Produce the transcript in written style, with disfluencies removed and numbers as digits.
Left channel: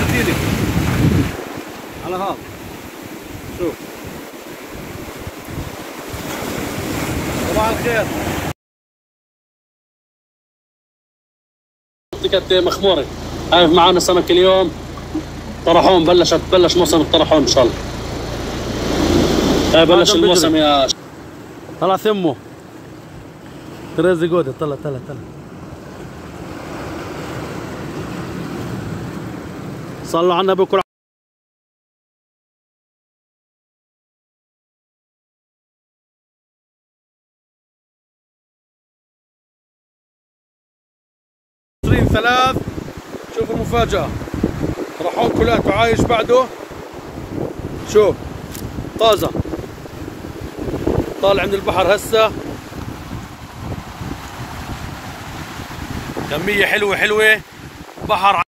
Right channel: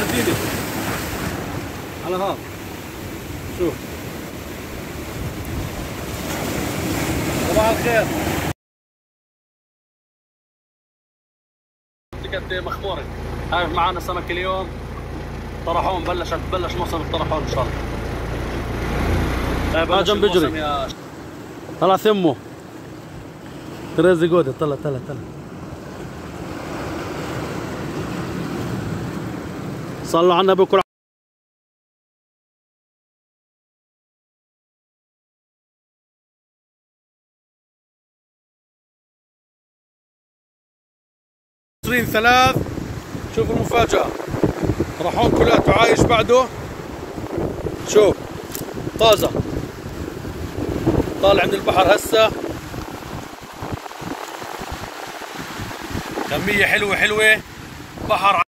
سردينة على هذا شوف. صباح الخير. منطقة مخمورة هاي معانا سمك اليوم. طرحون بلش موسم الطرحون ان شاء الله. هاي بلش الموسم يا طلع ثمه تريزي جودة. طلع صلوا على النبي. كل 20/3. شوف المفاجأة، طرحون كلياته عايش بعده. شوف طازة طالع من البحر هسه. كمية حلوة بحر.